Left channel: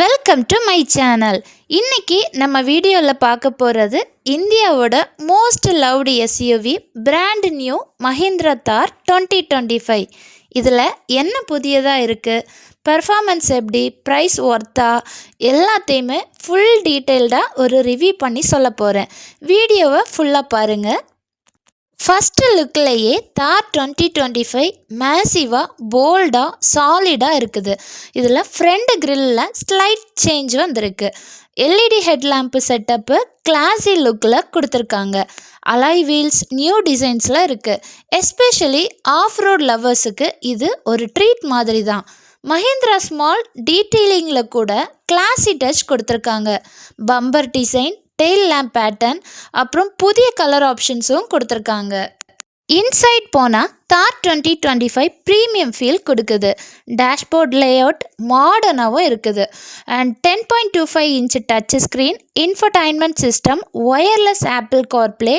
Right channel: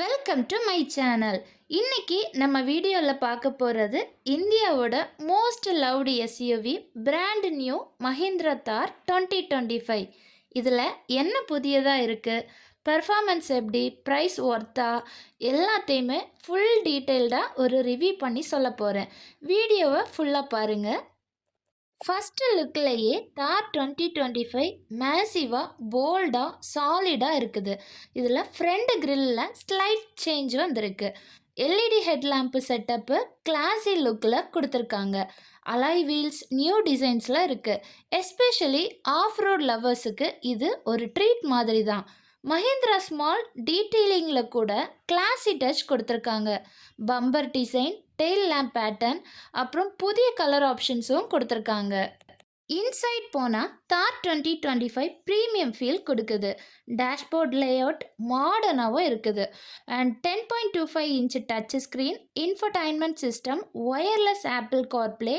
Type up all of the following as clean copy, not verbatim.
Welcome to my channel. இன்னைக்கு நம்ம வீடியோவில் பார்க்க போகிறது இந்தியாவோட most loved SUV brand new Mahindra தார் 2025. இதில் என்ன புதியதாக இருக்குது, பெர்ஃபார்மன்ஸ் எப்படி, ப்ரைஸ் ஒர்த்தா, எல்லாத்தையுமே ஃபுல் டீட்டெயில்டாக ஒரு ரிவ்யூ பண்ணி சொல்ல போகிறேன். வீடியோவை ஃபுல்லாக பாருங்கள். ஃபஸ்ட்டு லுக்லேயே தார் 2025 மேசிவாக போல்டாக சாலிடாக இருக்குது. இதில் ஃப்ரண்ட் கிரில்லில் ஸ்லைட் சேஞ்ச் வந்திருக்கு. எல்இடி ஹெட்லாம்ப்பு செட்டப்பு கிளாஸி லுக்கில் கொடுத்துருக்காங்க. அலாய் வீல்ஸ் நியூ டிசைன்ஸில் இருக்குது. எஸ்பெஷலி ஆஃப் ரோட் லவ்வர்ஸுக்கு இது ஒரு ட்ரீட் மாதிரி தான். மஹிந்திரா ஸ்மால் டீட்டெயிலிங்கில் கூட கிளாஸி டச் கொடுத்துருக்காங்க. Bumper design, tail lamp pattern, அப்புறம் புதிய கலர் ஆப்ஷன்ஸும் கொடுத்துருக்காங்க. இன்சைட் போனால் தார் 2025 ப்ரீமியம் ஃபீல் கொடுக்குது. டேஷ்போர்ட் லேஅவுட் மாடர்னாகவும் இருக்குது. And 10.25 inch touch screen, infotainment system, wireless Apple CarPlay,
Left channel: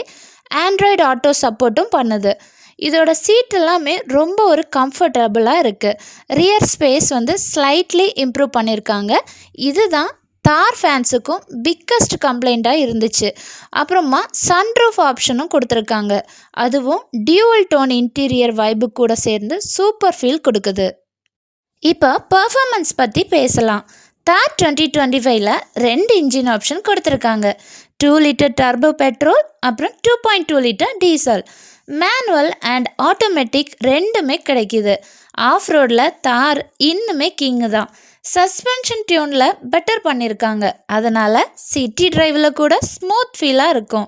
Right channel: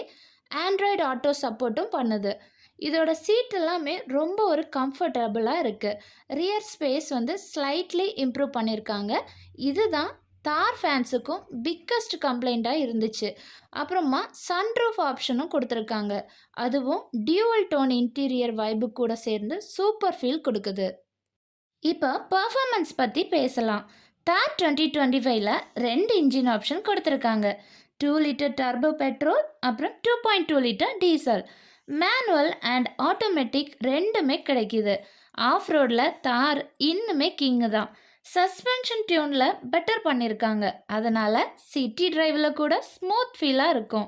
Android Auto சப்போர்ட்டும் பண்ணுது. இதோட சீட் எல்லாமே ரொம்ப ஒரு கம்ஃபர்டபுளாக இருக்குது. ரியர் ஸ்பேஸ் ஸ்லைட்லி இம்ப்ரூவ் பண்ணியிருக்காங்க. இதுதான் தார் ஃபேன்ஸுக்கும் பிக்கஸ்ட் கம்ப்ளைண்ட்டாக இருந்துச்சு. அப்புறமா சன்ரூஃப் ஆப்ஷனும் கொடுத்துருக்காங்க. அதுவும் டியூவல் டோன் இன்டீரியர் வைப்பு கூட சேர்ந்து சூப்பர் ஃபீல் கொடுக்குது. இப்போ பர்ஃபார்மன்ஸ் பற்றி பேசலாம். தார் 2025ல் 2 இன்ஜின் ஆப்ஷன் கொடுத்துருக்காங்க. 2 லிட்டர் டர்போ பெட்ரோல், அப்புறம் 2.2 litre diesel. Manual and automatic ரெண்டுமே கிடைக்கிது. ஆஃப் ரோடில் தார் இன்னுமே கிங்கு தான். சஸ்பென்ஷன் டியூனில் பெட்டர் பண்ணியிருக்காங்க. அதனால் சிட்டி டிரைவில் கூட ஸ்மூத் ஃபீலாக இருக்கும்.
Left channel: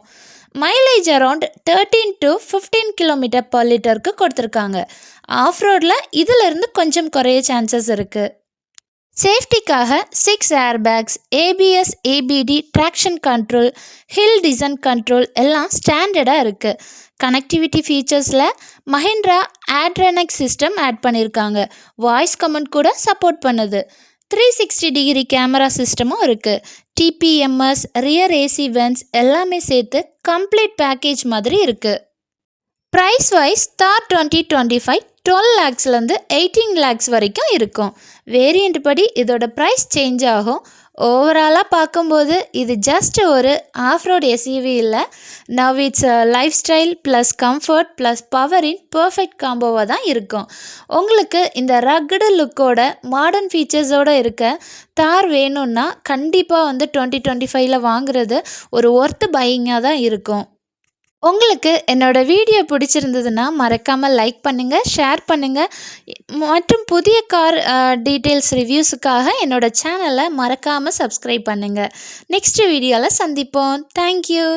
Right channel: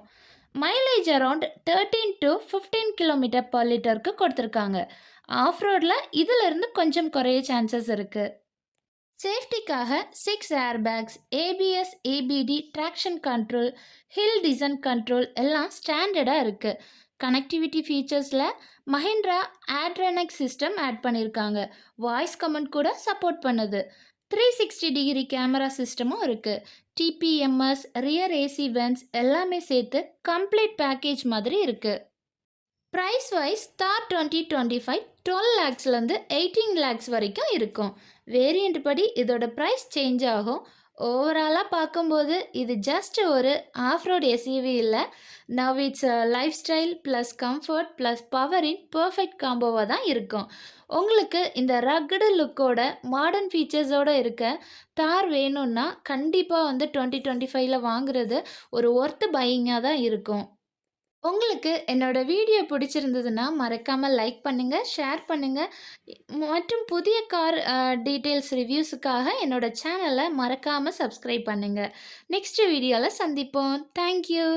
Mileage around 13 to 15 kilometre per லிட்டருக்கு கொடுத்துருக்காங்க. ஆஃப் ரோடில் இதிலிருந்து கொஞ்சம் குறைய சான்சஸ் இருக்குது. சேஃப்டிக்காக 6 air bags, ABS, EBD, traction control, hill descent control எல்லாம் ஸ்டாண்டர்டாக இருக்குது. கனெக்டிவிட்டி ஃபீச்சர்ஸில் மஹிந்திரா ஆட்ரானிக் சிஸ்டம் ஆட் பண்ணியிருக்காங்க. வாய்ஸ் கமெண்ட் கூட சப்போர்ட் பண்ணுது. 360 டிகிரி கேமரா சிஸ்டமும் இருக்குது. டிபிஎம்எஸ், ரியர் ஏசி வென்ட்ஸ் எல்லாமே சேர்த்து கம்ப்ளீட் பேக்கேஜ் மாதிரி இருக்குது. ப்ரைஸ் வைஸ் தார் 2025 12 lakhsலேருந்து 18 lakhs வரைக்கும் இருக்கும். வேரியண்ட் படி இதோட ப்ரைஸ் சேஞ்ச் ஆகும். ஓவராலாக பார்க்கும்போது இது ஜஸ்ட் ஒரு ஆஃப் ரோட் எஸ்யூவி இல்லை. Now it's life style plus comfort plus பவரின் பர்ஃபெக்ட் காம்போவாக தான் இருக்கும். உங்களுக்கு இந்த ரக்கடு லுக்கோட மாடர்ன் ஃபீச்சர்ஸோடு இருக்க தார் வேணும்னா கண்டிப்பாக 2025ல் வாங்குறது ஒரு ஒர்த்து பையிங்காக தான் இருக்கும். உங்களுக்கு என்னோடய வீடியோ பிடிச்சிருந்ததுன்னா மறக்காமல் லைக் பண்ணுங்கள், ஷேர் பண்ணுங்கள். மற்றும் புதிய கார் டீட்டெயில்ஸ் ரிவ்யூஸுக்காக என்னோடய சேனலை மறக்காமல் சப்ஸ்கிரைப் பண்ணுங்கள். நெக்ஸ்ட் வீடியோவில் சந்திப்போம். தேங்க்யூ.